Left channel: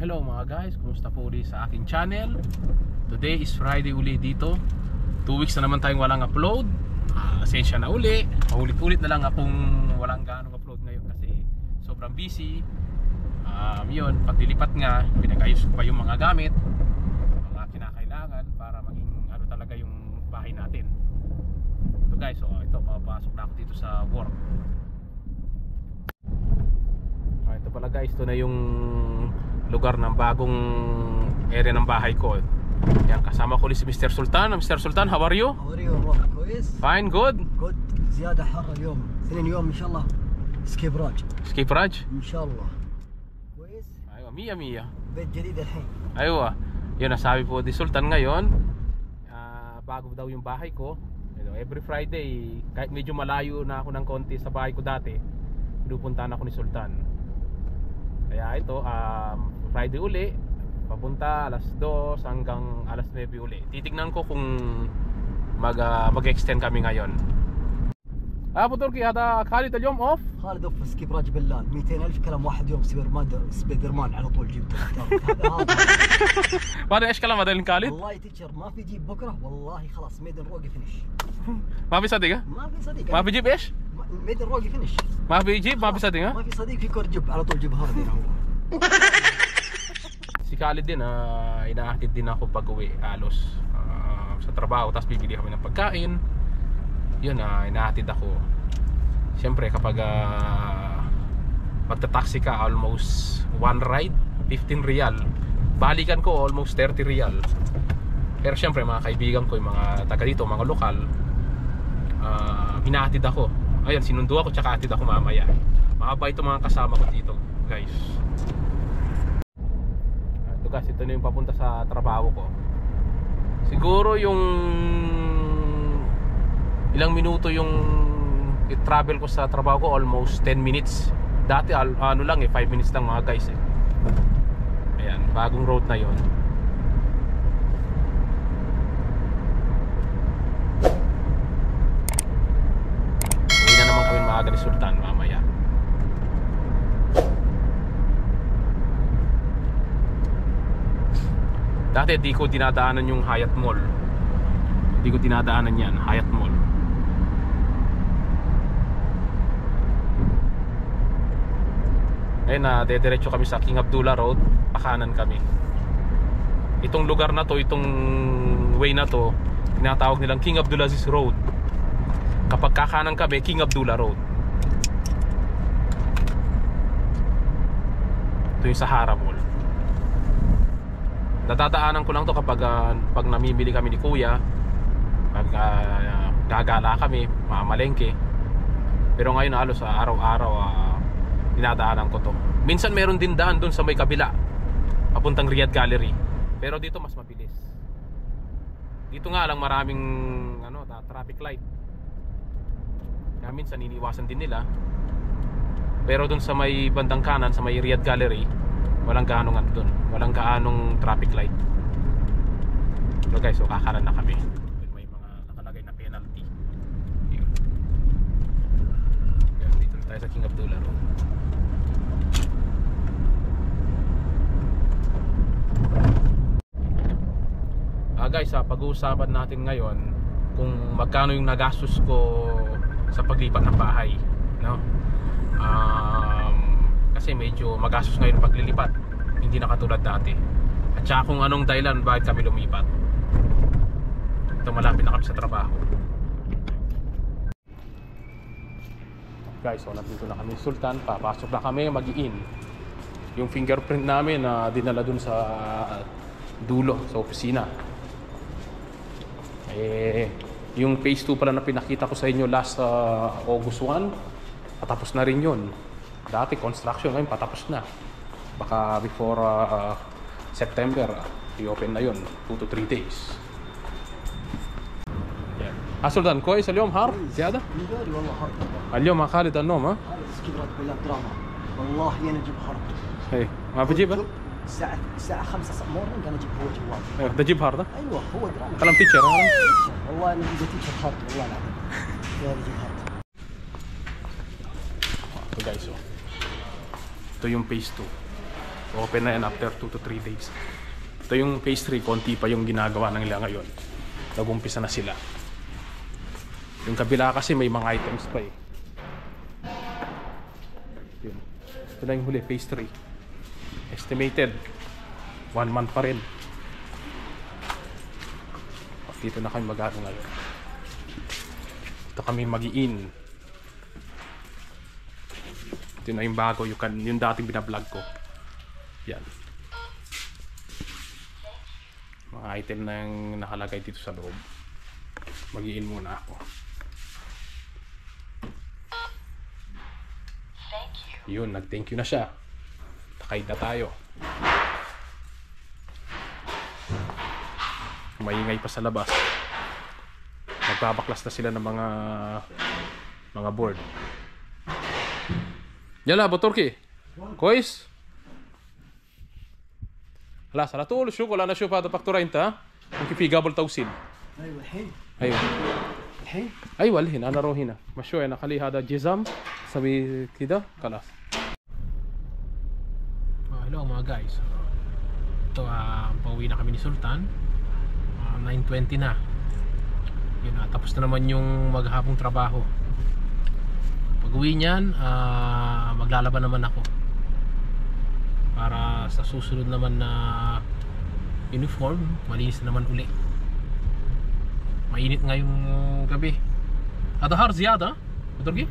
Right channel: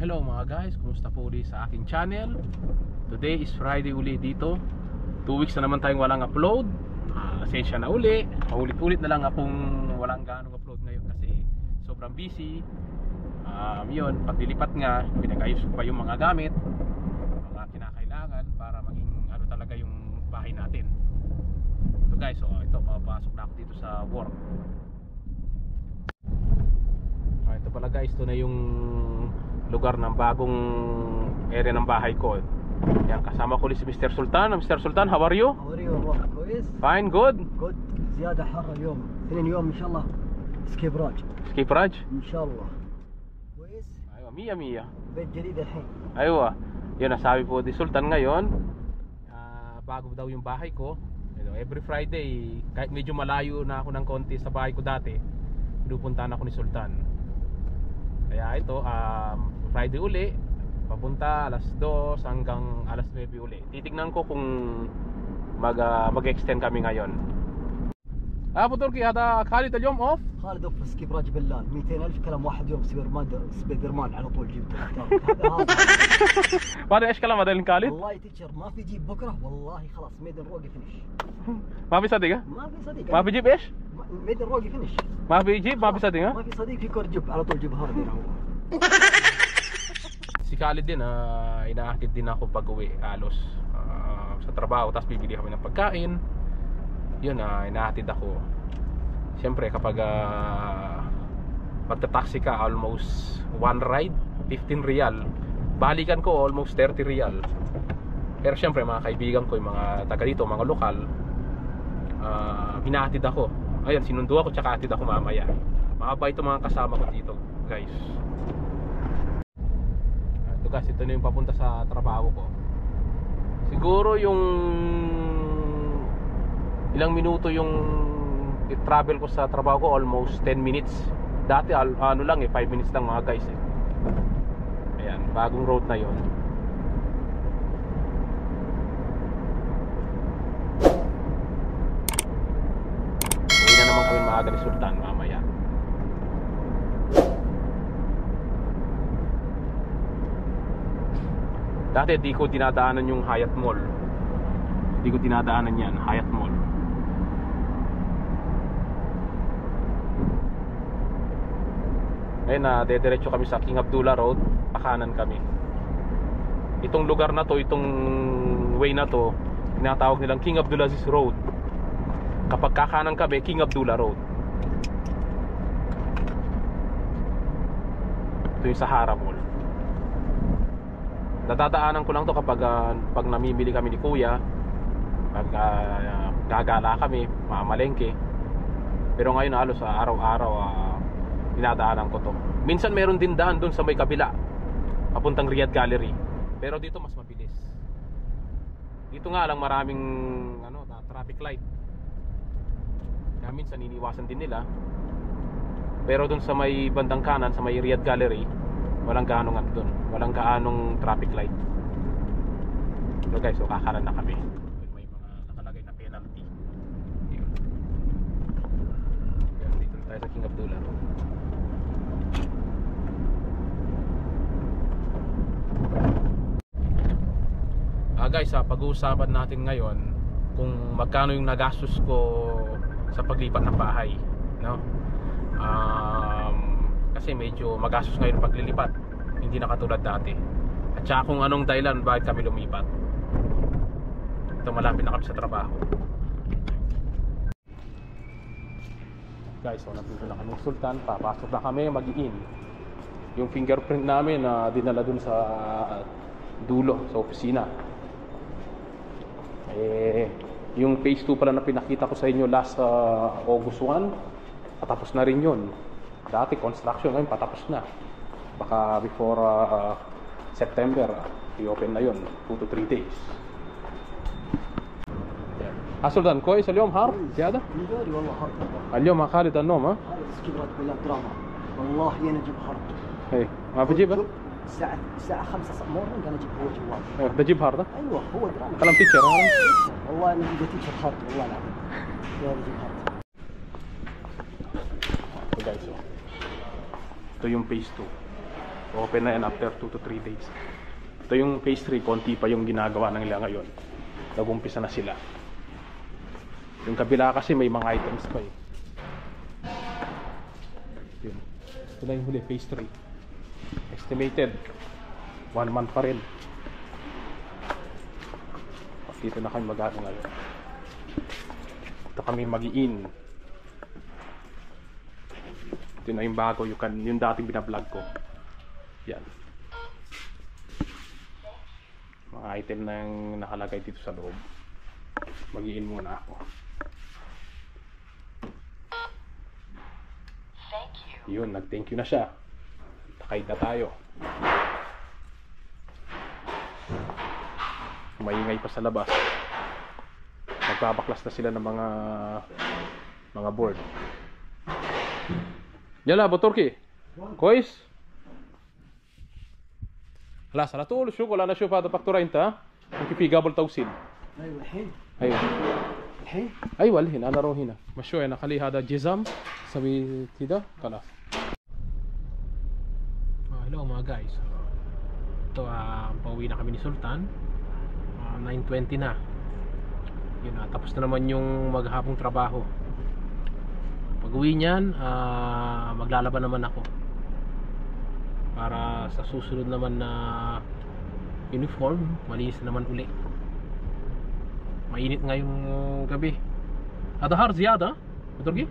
Hello mga guys, kumusta po ulit sa aking channel. Today is Friday uli dito. 2 weeks na naman tayong walang upload. Asensya na uli. Paulit-ulit na lang akong walang ganong upload ngayon kasi sobrang busy. Yun, paglilipat nga, pinag-ayos ko pa yung mga gamit, mga kinakailangan para maging ano talaga yung bahay natin. So guys, ito, papasok na ako dito sa work. Ito pala guys, ito na yung lugar ng bagong area ng bahay ko. Yan, kasama ko si Mr. Sultan. Mr. Sultan, how are you? How are you? والله كويس. Fine, good. Good. زيادة حر اليوم. 2 يوم إن شاء الله. سكيب راج. Skip Raj? إن شاء الله. كويس. Aywa, Mia Mia. بيت جديد الحين. Aywa. Yun, nasabi po ni Sultan ngayon, bago daw yung bahay ko. Every Friday, kahit medyo malayo na ako ng konti sa bahay ko dati, pinupuntahan ako ni Sultan. Kaya ito, Friday uli, papunta alas 2 hanggang alas 9 uli. Titignan ko kung mag-extend kami ngayon. Abu Turki, هذا خالد اليوم اوف؟ خالد اوف سكيب راج بالله 200,000 كلام واحد يوم سبايدر مان على طول جبته. هذا بعد ايش كلام هذا خالد؟ والله تيتشر ما في جيب بكره والله خلاص ميدن روقي فينش. ما في صديق؟ ما في صديق. ما بيجيب ايش؟ ميدن روقي فينش. ما بيجيب، ما في صديق؟ ما في صديق في كور جيب على طول جيب هذا هو. Si Khalid din, inaakit din ako pag uwi alos sa trabaho, tapos bibili kami ng pagkain. Yun, inahatid ako. Siyempre kapag magta-taxi ka, almost one ride 15 real, balikan ko almost 30 real. Pero siyempre mga kaibigan ko, yung mga taga dito, mga lokal, hinahatid ako. Ayun, sinundo ako, tsaka hatid ako mamaya. Mahaba ito mga kasama ko dito guys. Ito guys, ito na yung papunta sa trabaho ko. Siguro yung ilang minuto yung travel ko sa trabaho ko, almost 10 minutes. Dati ano lang 5 minutes lang mga guys Ayan, bagong road na yon. Uwi na naman kami maaga ni Sultan mamaya. Dati di ko dinadaanan yung Hyatt Mall. Di ko dinadaanan yan, Hyatt Mall. Ngayon dediretso kami sa King Abdullah Road. Pakanan kami. Itong lugar na to, itong way na to, tinatawag nilang King Abdulaziz Road. Kapag kakanan kami, King Abdullah Road. Ito yung Sahara Mall. Dadadaanan ko lang to kapag pag namimili kami ni Kuya, pag gagala kami, mamalengke. Pero ngayon halos araw-araw dinadaanan ko to. Minsan meron din daan dun sa may kabila, papuntang Riyadh Gallery. Pero dito mas mabilis. Dito nga lang maraming traffic light. Kaya minsan iniiwasan din nila. Pero dun sa may bandang kanan, sa may Riyadh Gallery, walang gaanong dun. Walang gaanong traffic light. So guys, kakanan na kami. May mga nakalagay na penalty. Dito na tayo sa King Abdullah Road. Guys, pag-uusapan natin ngayon kung magkano yung nagastos ko sa paglipat ng bahay, no? Kasi medyo magastos ngayon paglilipat, hindi na katulad dati. At saka kung anong dahilan bakit kami lumipat. Ito, malapit na kami sa trabaho. Guys, nandito na kami Sultan. Papasok na kami, mag-in. Yung fingerprint namin na dinala dun sa dulo, sa opisina. Yung phase 2 pala na pinakita ko sa inyo last August 1, patapos na rin yun. Dati construction, ngayon patapos na. Baka before September i-open na yun, 2 to 3 days. سلطان كويس اليوم حار زيادة؟ مداري والله حر. اليوم مع خالد النوم ها؟ سكيب راج بالله دراما. والله انا اجيب حر. ايه ما بجيبها؟ الساعة 5 مورنينج انا اجيب هو جوال. بجيب هار ده؟ ايوه هو دراما. كلام تيشر والله انا اذا تيشر هارد والله العظيم. يا بجيب هارد. Guys, ito yung phase 2. Open na yan after 2 to 3 days. Ito yung phase 3, konti pa yung ginagawa ng nila ngayon. Nag-umpisa na sila. Yung kabila kasi may mga items pa eh. Yun. Ito na yung huli, phase 3. Estimated 1 month pa rin. Dito na kami mag-ano ngayon. Ito kami mag-i-in. Ito na yung bago, yung dating binablog ko. Yan. Mga item na yung nakalagay dito sa loob. Mag-i-in muna ako. Yun, nag-thank you na siya. Nakaid na tayo. Maingay pa sa labas. Nagbabaklas na sila ng mga board. Yala, Botorki. Kois? لا على طول الشغل انا اشوف هذا فاكتوره انت ممكن في قبل توصيل. ايوه الحين. ايوه الحين. ايوه الحين انا اروح هنا مشوي انا اخلي هذا جزم اسوي كذا خلاص. Hello mga guys. Ito pauwi na kami ni Sultan. 9:20 na. Yun na, tapos na naman yung maghapong trabaho. Pag-uwi niyan, maglalaban naman ako. Para sa susunod naman na uniform, malinis naman uli. Mainit ngayong gabi. هذا هارد زيادة بتركي؟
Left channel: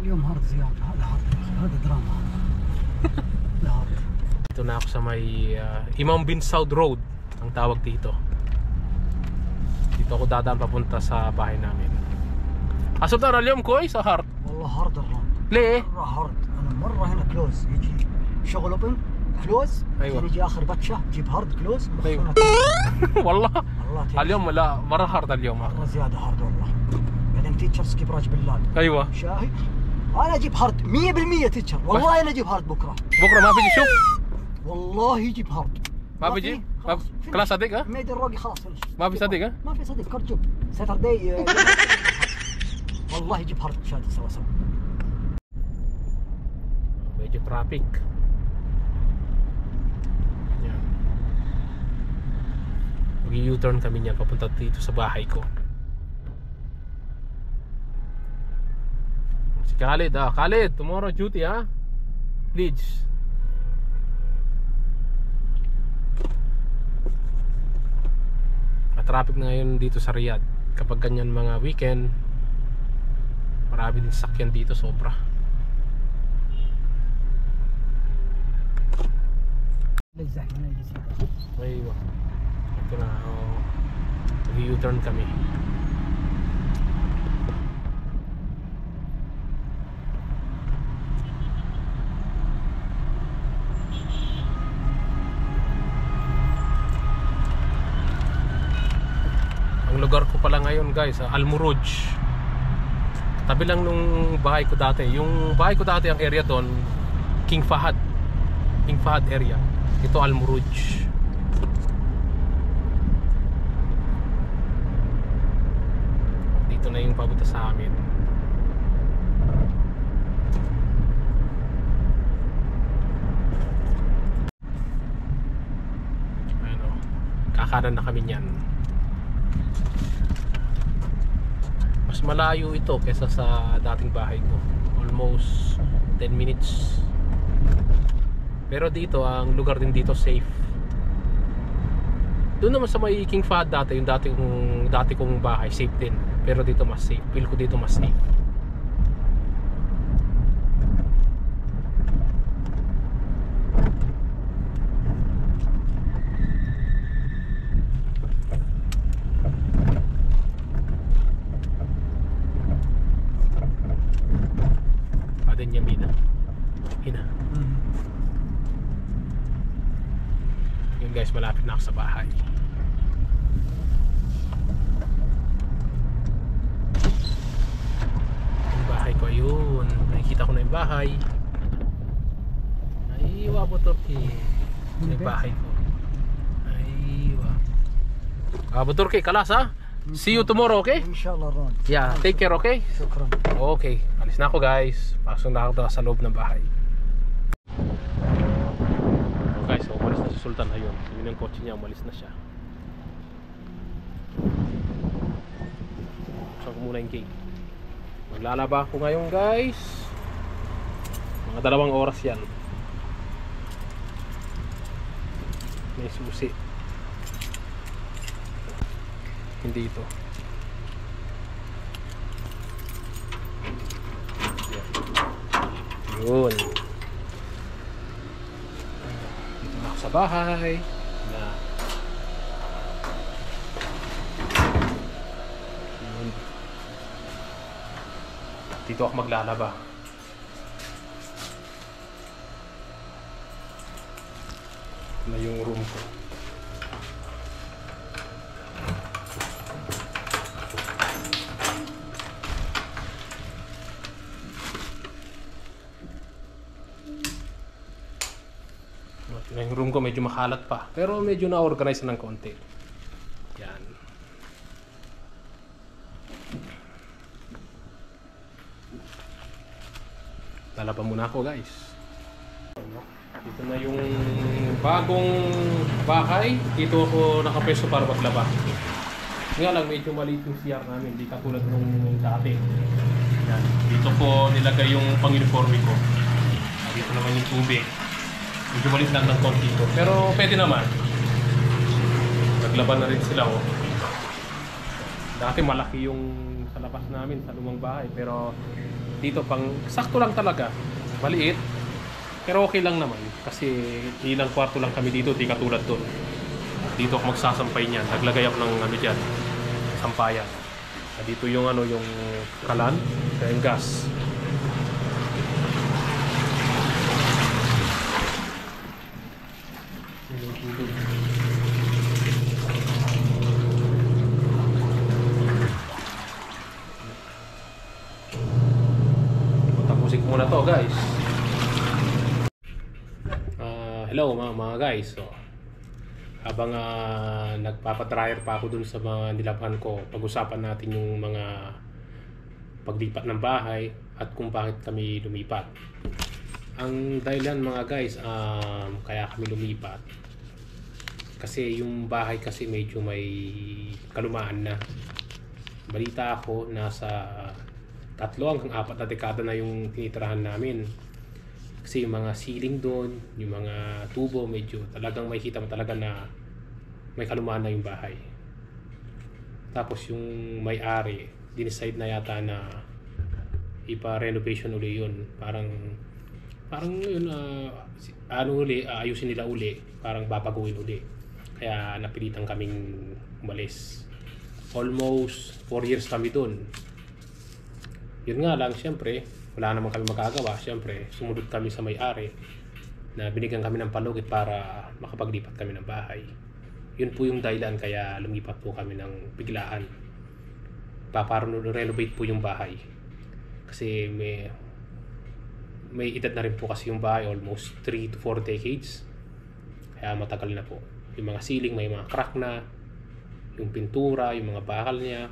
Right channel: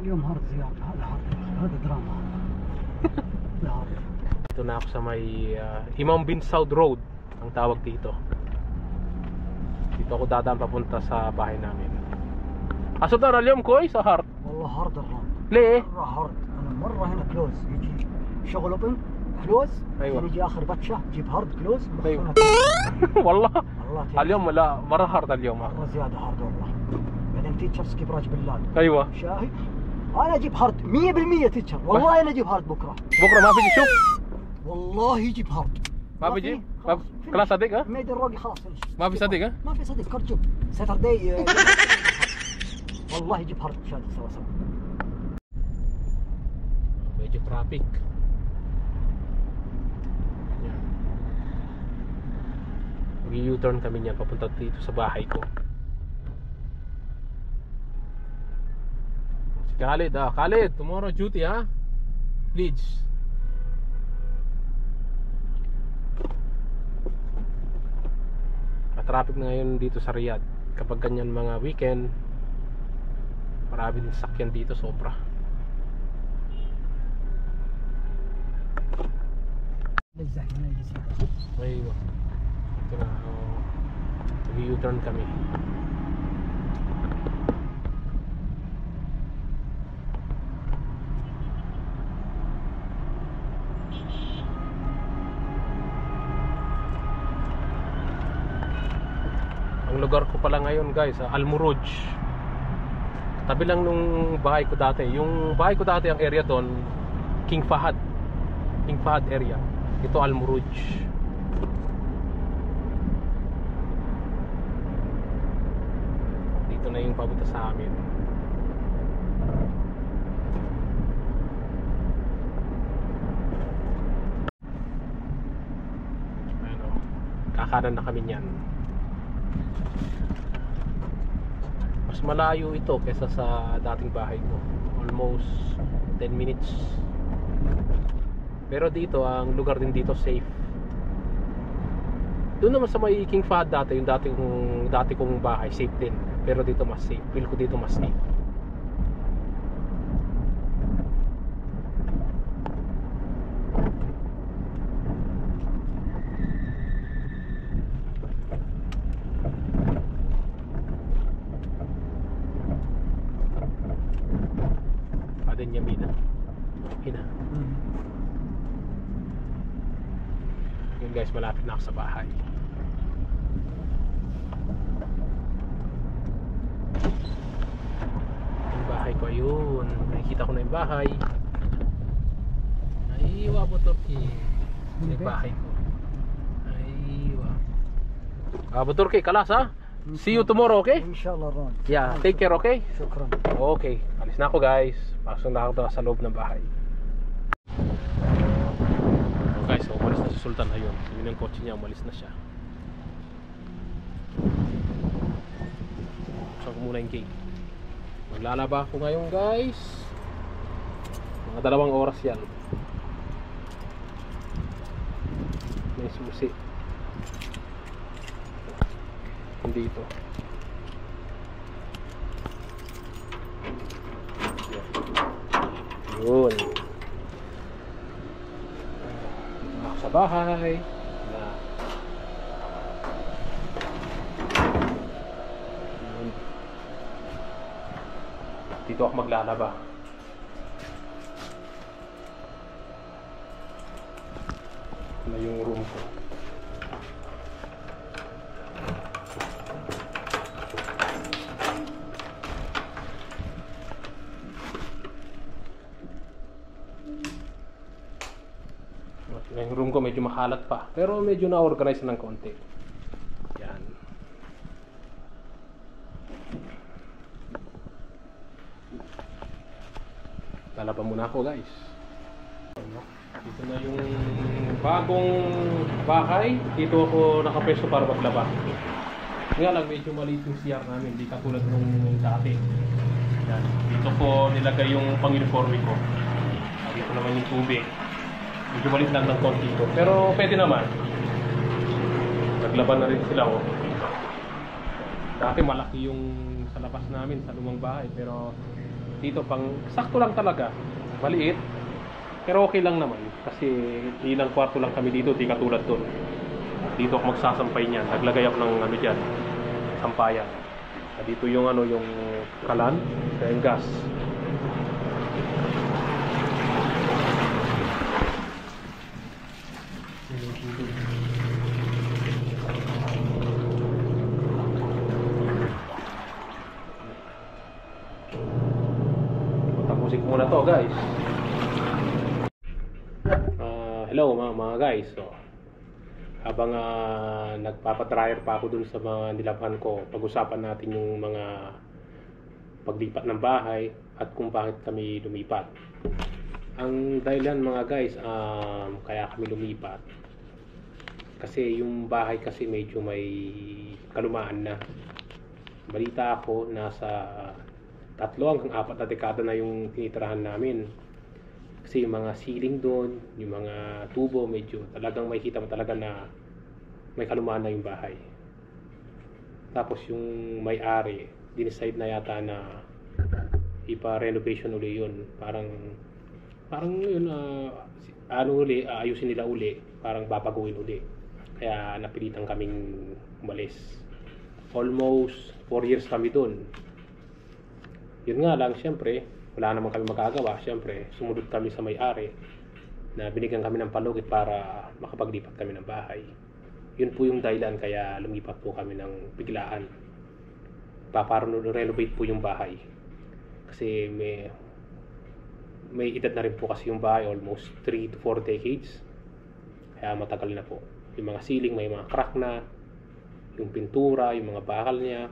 اليوم هارد زيادة. هذا هارد هذا دراما. هذا هارد. Ito na ako sa may Imam bin Saud Road ang tawag dito. Dito ako dadaan papunta sa bahay namin. Sultan اليوم كويس هارد؟ والله هارد الرام. ليه؟ مرة هارد. أنا مرة هنا كلوز يجي شغل اوبن كلوز. أيوة. يجي آخر بتشة جيب هارد كلوز. أيوة. والله والله اليوم لا مرة هارد اليوم. مرة زيادة هارد والله. بعدين تيتشرز كيف راج بالله. أيوة. شاهي. أنا أجيب هارد 100% تيتشر. والله أنا أجيب هارد بكرة. بكرة ما بيجي شوف. والله يجيب هارد. ما بيجي؟ كلاس صديق ها؟ ميد الروقي خلاص فينش. ما في صديق ها؟ ما في صديق كرجوب. ساتردي. والله يجيب هارد شاد سوا سوا. Medyo traffic. Yan. Mag-U-turn kami niyan papunta dito sa bahay ko. Si Khalid, Khalid, tomorrow duty ha? Please. Traffic na ngayon dito sa Riyadh. Kapag ganyan mga weekend, maraming sakyan dito, sobra. Aywa. Ito na, mag-U-turn kami. Ang lugar ko pala ngayon guys, Al Muruj. Tabi lang nung bahay ko dati. Yung bahay ko dati, ang area doon, King Fahad area. Ito Al Muruj. Dito na yung papunta sa amin. Ano, kakanan na kami niyan. Mas malayo ito kaysa sa dating bahay ko. Almost 10 minutes. Pero dito, ang lugar din dito safe. Doon naman sa may King Fahad dati, yung dati kong bahay, safe din. Pero dito mas safe. Feel ko dito mas safe. Adin Yamina. Hina. Yun guys, malapit na ako sa bahay. Yung bahay ko, ayun. Nakikita ko na yung bahay. Aywa po Turkey. Yung bahay ko. Aywa. Abu Turkey, kalas ha? See you tomorrow, okay? ان شاء الله رون. Yeah, take care, okay? شكرا. Okay, alis na ako guys. Pasok na ako sa loob ng bahay. Sultan. Ayun, yun yung kotse niya, umalis na siya. So ko muna yung gate. Maglalaba ako ngayon guys. Mga 2 oras yan. May susi. Hindi ito. Yun. Dito na ako sa bahay. Na. Yun. Dito ako maglalaba. Ito na yung room ko. Yung room ko medyo makalat pa, pero medyo na-organize ng konti. Yan. Lalaban muna ako guys. Dito na yung bagong bahay. Dito ako nakapeso para maglaba. Nga lang medyo maliit yung CR namin, hindi katulad nung dati. Yan. Dito ko nilagay yung pang-uniforme ko. Dito naman yung tubig. Medyo malit lang ng konti ko. Pero pwede naman. Naglaban na rin sila oh. Dati malaki yung sa labas namin, sa lumang bahay. Pero dito pang sakto lang talaga. Maliit. Pero okay lang naman. Kasi ilang kwarto lang kami dito, di katulad doon. Dito ako magsasampay niyan. Naglagay ako ng ano dyan, sampayan. Dito yung ano, yung kalan, kaya yung gas. Tapusin ko muna to guys. Hello mga guys. So, habang nagpapatryer pa ako dun sa mga nilabhan ko, pag-usapan natin yung mga paglipat ng bahay at kung bakit kami lumipat. Ang dahilan mga guys, kaya kami lumipat kasi yung bahay kasi medyo may kalumaan na. Balita ako nasa 3 hanggang 4 na dekada na yung tinitirahan namin. Kasi yung mga ceiling doon, yung mga tubo, medyo talagang may kita mo talaga na may kalumaan na yung bahay. Tapos yung may-ari, dinicide na yata na ipa-renovation uli yun. Parang yun, ayusin nila uli, parang babaguhin uli. Kaya napilitan kaming umalis. Almost 4 years kami doon. Yun nga lang, syempre, wala naman kami magagawa. Siyempre, sumunod kami sa may-ari na binigyan kami ng palugit para makapaglipat kami ng bahay. Yun po yung dahilan kaya lumipat po kami ng biglaan. Renovate po yung bahay. Kasi may edad na rin po kasi yung bahay, almost 3 to 4 decades. Kaya matagal na po. Yung mga ceiling may mga crack na, yung pintura, yung mga bakal niya.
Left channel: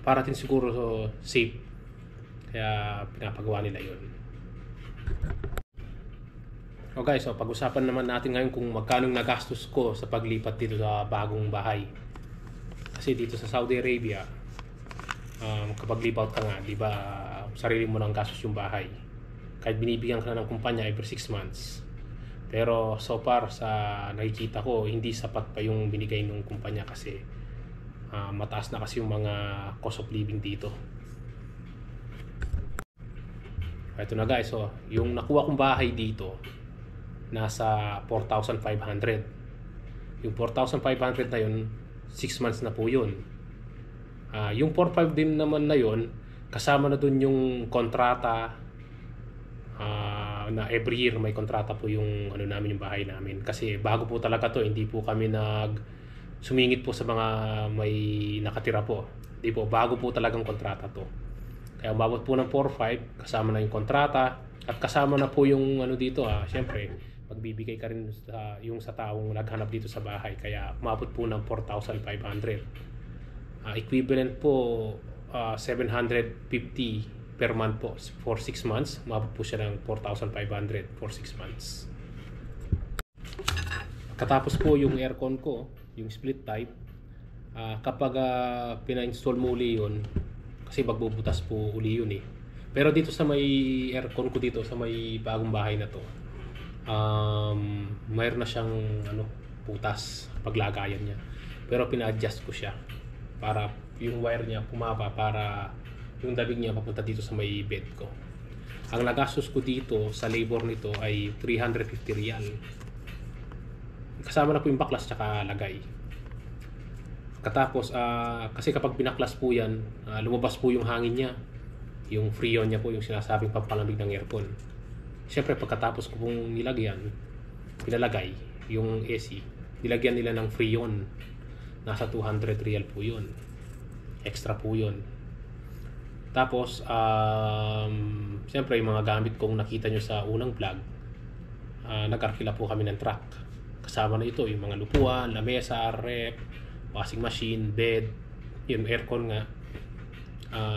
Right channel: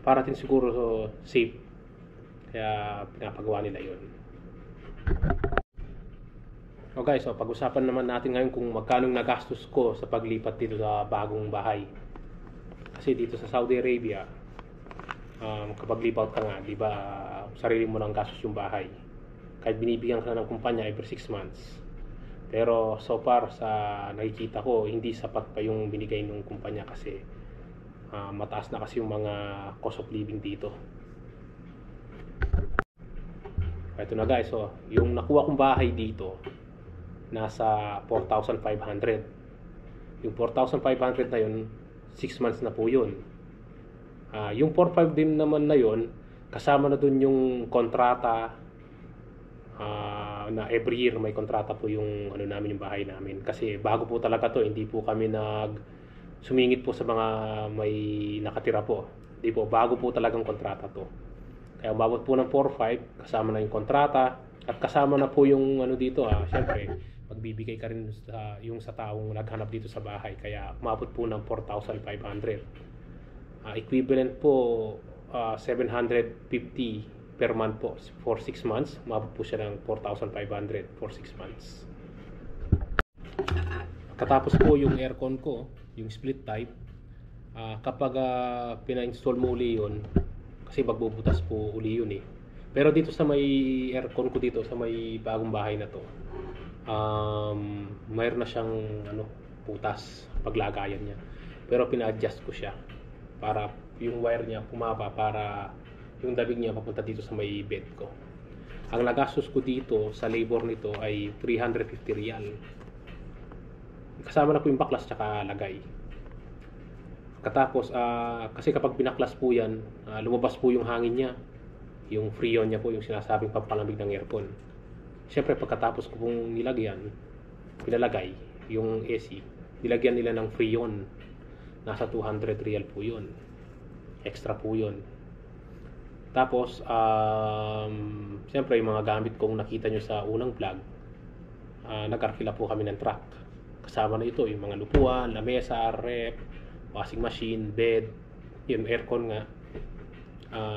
Para din siguro safe. Kaya pinapagawa nila yun. So guys, pag-usapan naman natin ngayon kung magkano nagastos ko sa paglipat dito sa bagong bahay. Kasi dito sa Saudi Arabia, kapag lipat ka nga, di ba, sarili mo nang gastos yung bahay. Kahit binibigyan ka na ng kumpanya every 6 months. Pero so far sa nakikita ko, hindi sapat pa yung binigay ng kumpanya kasi mataas na kasi yung mga cost of living dito. Ito na guys, yung nakuha kong bahay dito nasa 4,500. Yung 4,500 na yun, 6 months na po yun. Yung 4,500 din naman na yun, kasama na dun yung kontrata na every year may kontrata po yung ano namin, yung bahay namin. Kasi bago po talaga to, hindi po kami sumingit po sa mga may nakatira po. Hindi po, bago po talagang kontrata to. Kaya umabot po ng 4-5, kasama na yung kontrata at kasama na po yung ano dito. Siyempre, magbibigay ka rin sa taong naghanap dito sa bahay. Kaya umabot po ng 4,500. Equivalent po 750 per month po for 6 months. Umabot po siya ng 4,500 for 6 months. Katapos po yung aircon ko, yung split type, kapag pina-install mo uli yun, kasi magbubutas po uli yun eh. Pero dito sa may aircon ko dito, sa may bagong bahay na to, mayroon na siyang butas, paglagayan niya. Pero pina-adjust ko siya para yung wire niya pumaba, para yung dabig niya papunta dito sa may bed ko. Ang nagastos ko dito sa labor nito ay 350 real. Kasama na po yung baklas tsaka lagay. Katapos, kasi kapag binaklas po yan, lumabas po yung hangin niya. Yung freon niya po, yung sinasabing pampalamig ng aircon. Siyempre, pagkatapos ko pong pinalagay yung AC, nilagyan nila ng freon. Nasa 200 real po yun. Extra po yun. Tapos, siyempre, yung mga gamit kong nakita nyo sa unang vlog, nag-arkila po kami ng truck. Kasama na ito, yung mga lupuan, lamesa, rep, washing machine, bed, yung aircon nga.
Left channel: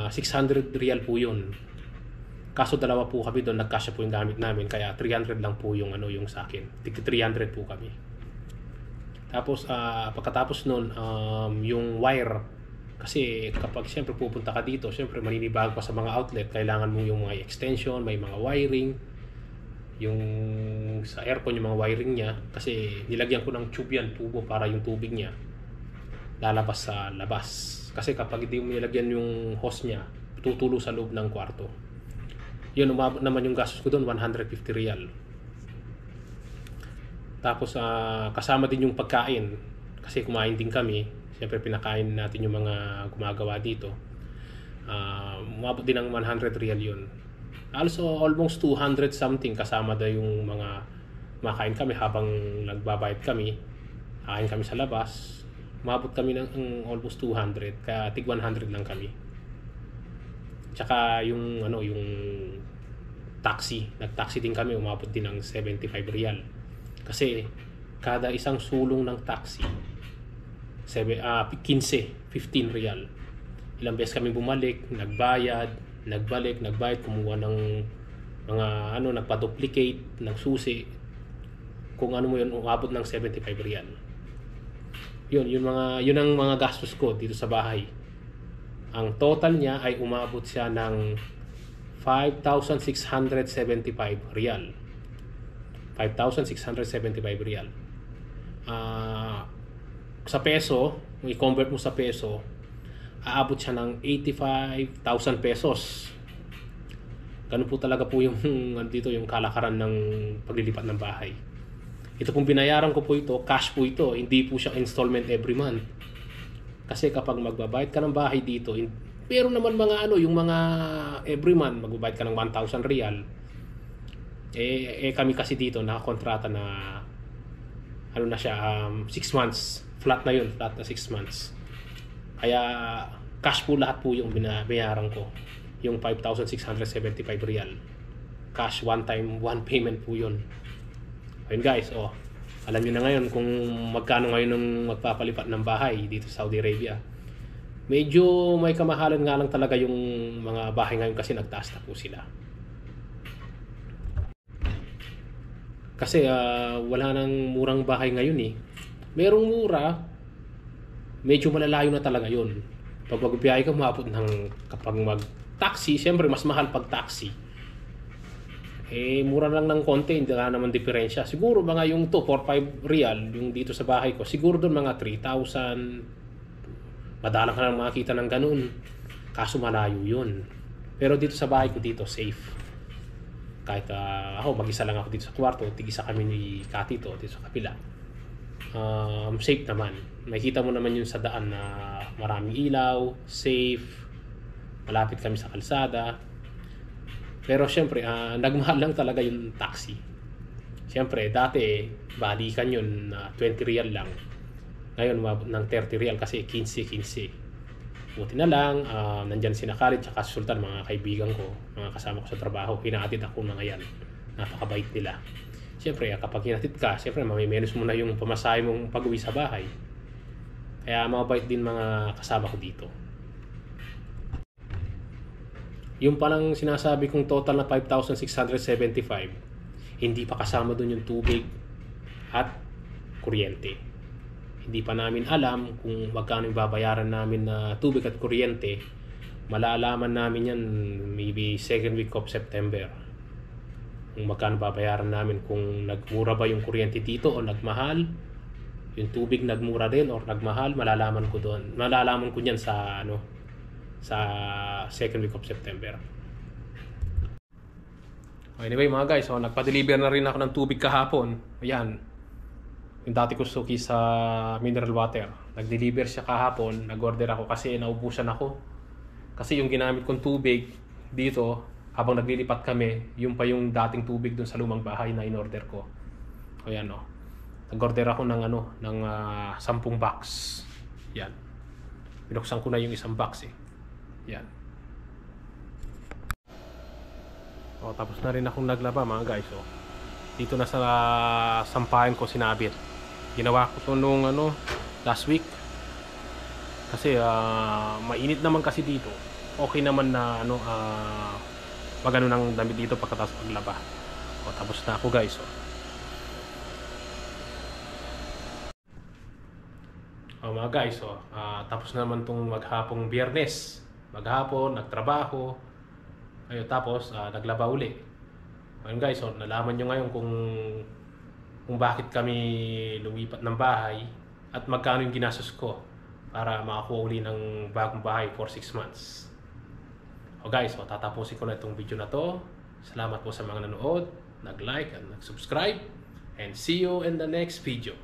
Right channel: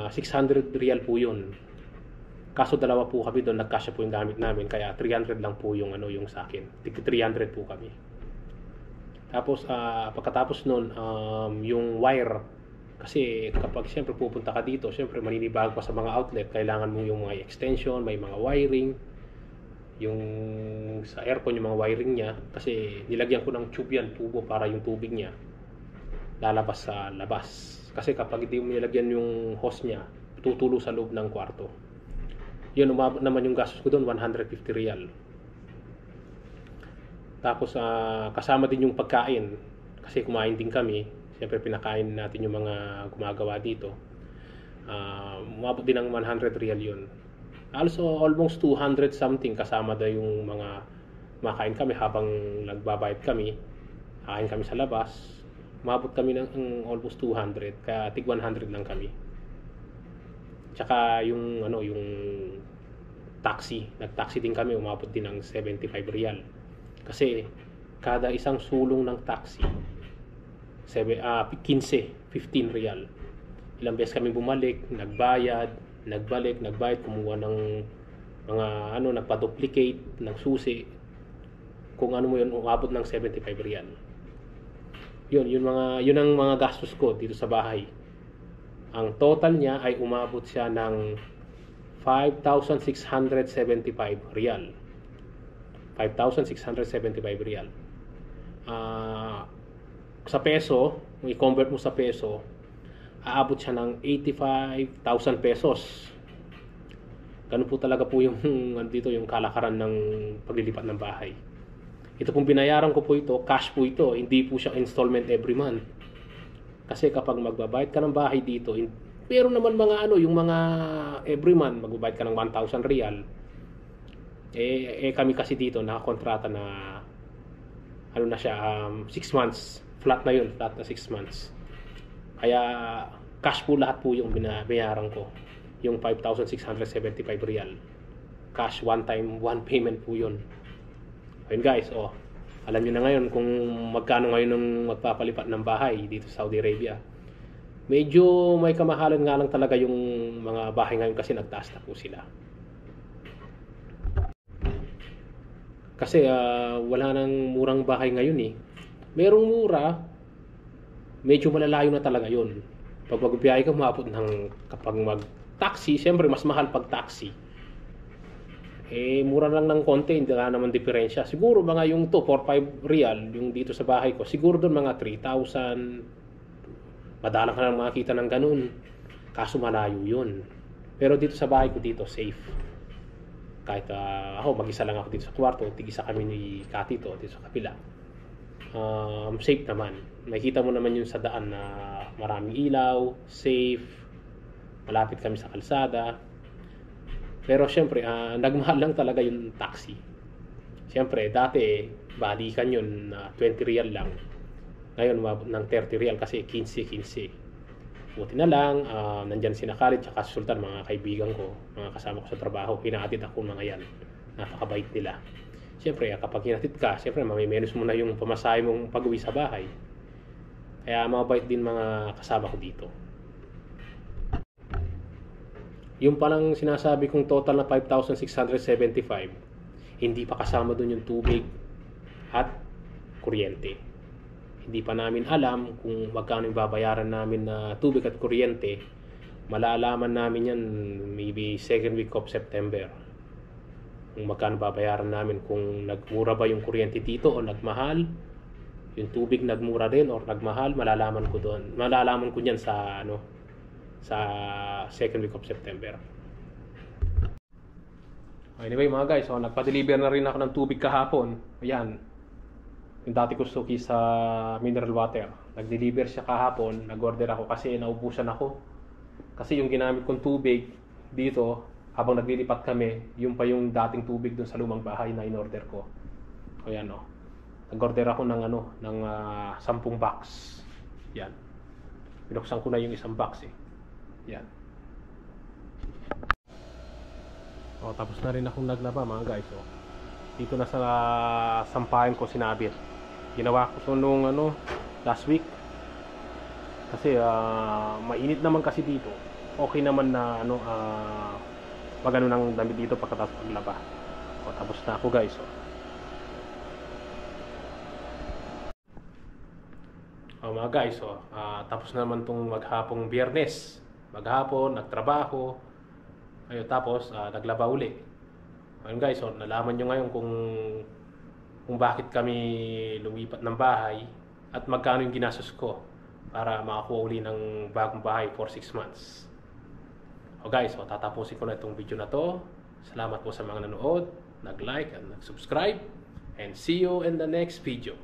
600 real po yun. Kaso dalawa po kami doon, nagkasya po yung gamit namin, kaya 300 lang po yung yung sa akin. 300 po kami. Tapos pagkatapos noon, yung wire, kasi kapag siyempre pupunta ka dito, siyempre maninibag pa sa mga outlet, kailangan mo yung mga extension, may mga wiring, yung sa aircon yung mga wiring niya, kasi nilagyan ko ng tube yan, tubo, para yung tubig niya lalabas sa labas. Kasi kapag hindi mo nilagyan yung hose niya, tutulo sa loob ng kwarto. Yun, umabot naman yung gastos ko doon, 150 real. Tapos kasama din yung pagkain, kasi kumain din kami. Siyempre pinakain natin yung mga gumagawa dito. Umabot din ng 100 real yun. Also almost 200 something, kasama na yung mga makain kami habang nagbabayad kami. Kain kami sa labas. Umabot kami ng almost 200, kaya tig 100 lang kami. Tsaka yung yung taxi, nag-taxi din kami, umabot din ng 75 real. Kasi kada isang sulong ng taxi 15 real. Ilang beses kami bumalik, nagbayad, kumuha ng mga nagpa-duplicate ng susi. Kung mo yun, umabot ng 75 real. Yun ang mga gastos ko dito sa bahay. Ang total niya ay umabot siya ng 5,675 real. 5,675 real. Sa peso, kung i-convert mo sa peso, aabot siya ng 85,000 pesos. Ganun po talaga po yung dito yung kalakaran ng paglilipat ng bahay. Ito pong binayaran ko po ito, cash po ito, hindi po siya installment every month. Kasi kapag magbabayad ka ng bahay dito, pero naman mga yung mga every month magbabayad ka ng 1,000 real. Kami kasi dito nakakontrata na na siya 6 months, flat na 6 months. Kaya cash po lahat po yung binayaran ko, yung 5,675 real. Cash, one payment po yun. Ayun guys, alam niyo na ngayon kung magkano ngayon ng magpapalipat ng bahay dito sa Saudi Arabia. Medyo may kamahalan nga lang talaga yung mga bahay ngayon, kasi nagtaas na po sila. Kasi wala nang murang bahay ngayon eh. Merong mura, medyo malalayo na talaga yun. Pag magbiyahe ka, maabot ng, kapag mag-taxi, siyempre mas mahal pag taxi. Mura lang ng konti, hindi na naman diferensya. Siguro mga yung 4-5 real, yung dito sa bahay ko, siguro doon mga 3,000. Madalang ka lang makakita ng ganun. Kaso malayo yun. Pero dito sa bahay ko dito, safe. Kahit ako, mag-isa lang ako dito sa kwarto, tig-isa kami ni Katito dito sa kapila. Safe naman. Makikita mo naman yun sa daan na maraming ilaw, safe, malapit kami sa kalsada. Pero syempre, nagmahal lang talaga yung taxi. Syempre, dati, balikan yun na 20 real lang. Ngayon, umabot ng 30 real kasi 15. Buti na lang, nandyan si Khalid at Sultan, mga kaibigan ko, mga kasama ko sa trabaho. Hinahatid ako mga yan. Napakabait nila. Syempre, kapag hinatid ka, syempre, mamimenos mo na yung pamasahe mong pag-uwi sa bahay. Kaya mabait din mga kasama ko dito. Yung palang sinasabi kong total na 5,675, hindi pa kasama dun yung tubig at kuryente. Hindi pa namin alam kung magkano yung babayaran namin na tubig at kuryente. Malalaman namin yan maybe second week of September. Kung magkano babayaran namin, kung nagmura ba yung kuryente dito o nagmahal, yung tubig nagmura din or nagmahal, malalaman ko doon. Malalaman ko niyan sa sa second week of September. Anyway mga guys, so nagpa-deliver na rin ako ng tubig kahapon. Ayan. Yung dati ko suki sa mineral water. Nag-deliver siya kahapon, nag-order ako kasi naubusan ako. Kasi yung ginamit kong tubig dito, habang naglilipat kami, yung pa yung dating tubig dun sa lumang bahay na in-order ko. Ayan o. Nag-order ako ng 10 box. Yan. Binuksan ko na yung isang box eh. Yan. O, tapos na rin akong naglaba mga guys. O. Dito na sa sampahan ko sinabit. Ginawa ko to nung last week. Kasi mainit naman kasi dito. Okay naman na magano ng damit dito pagkatapos paglaba. O, tapos na ako guys. O mga guys, tapos naman tong maghapong Biyernes. Maghapon, nagtrabaho. Ayun, tapos naglaba uli. Ayun guys, nalaman nyo ngayon kung bakit kami lumipat ng bahay at magkano yung ginastos ko para makakuha uli ng bagong bahay for 6 months. O guys, tatapusin ko na itong video na to. Salamat po sa mga nanood, nag-like at nag-subscribe, and see you in the next video.